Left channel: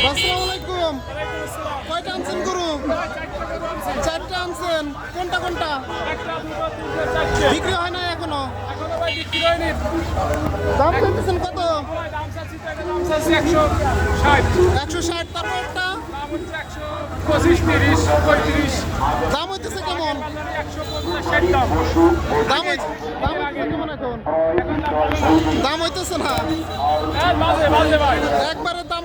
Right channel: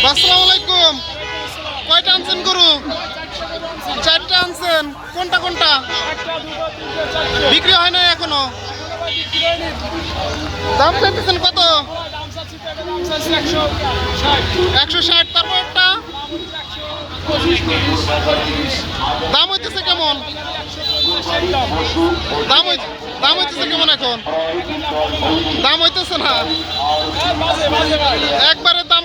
আসসালামু আলাইকুম। কয়টা আনছেন গরু? চারটা আনছেন। কোনটা কোনটা? বিক্রি হয় না এখনও? দাম চাইতেছেন কত? একশো ষাট। তারপর একটা? দাম হইতেছে কেমন? দাম দাম হইতেছে কেমন এখন? দাম হইতেছে না? একবারের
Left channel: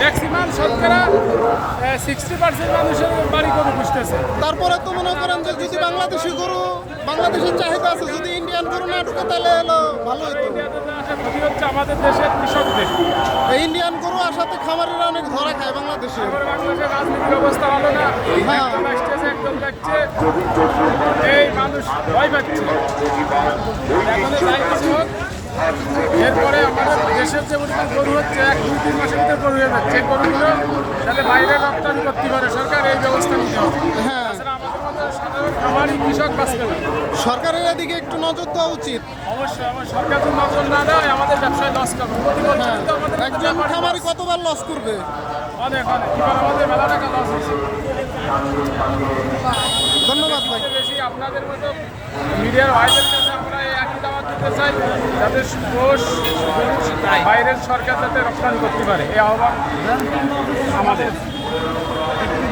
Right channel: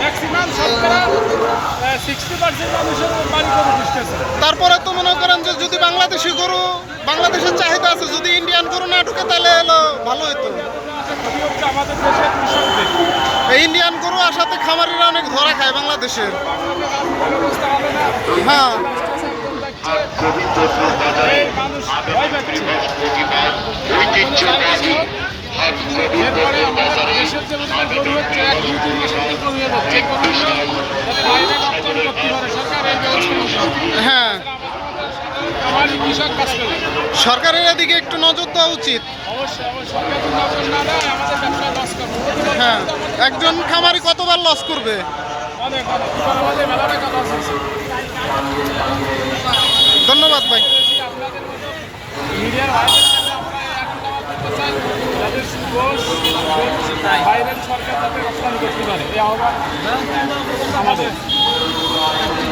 ম্যাক্সিমাম শতকরা সিক্সটি পার্সেন্ট মানুষের বাড়ি গরু পুষতেছে। তারপরে তো মনে করেন যে যদি বাংলাদেশি গরু বাংলাদেশের চাহিদা আছে যদি ইন্ডিয়ান গরু না ঢুকে তাহলে হলো ভালো হতো ক্ষতি হচ্ছে আমাদের দেশের কৃষকদের। ইন্ডিয়ান গরু আসাতে খামারিরা অনেক ধরা খায় বাংলাদেশের। বাংলাদেশের রাজনীতির অবস্থা ভালো না। হ্যাঁ। এই মানুষ ভয় পাচ্ছে। এরপরে আমাদের দেশের যে পরিমাণ গরু হচ্ছে এক দুই তিন মাসের ভিতরে গরু হয়ে যাচ্ছে। গরুগুলো যাতে বাইরে রপ্তানি করতে পারে সরকার এই ব্যবস্থা নিতে হবে। হ্যাঁ। সরকারের এদিকে একটু নজর দেওয়া উচিত। অবশ্যই অবশ্যই। সরকার তো নজর না দেয় আমাদের ব্যবসায় লস করব। প্রতি বছর হ্যাঁ। একজন খামারি কতবার লস করবে? ধন্যবাদ ভাই। মিডিয়ার একই চাই যাতে গোষ বাইরের সরকার যাতে রপ্তানি করতে পারে। এই আহ্বান আমাদের।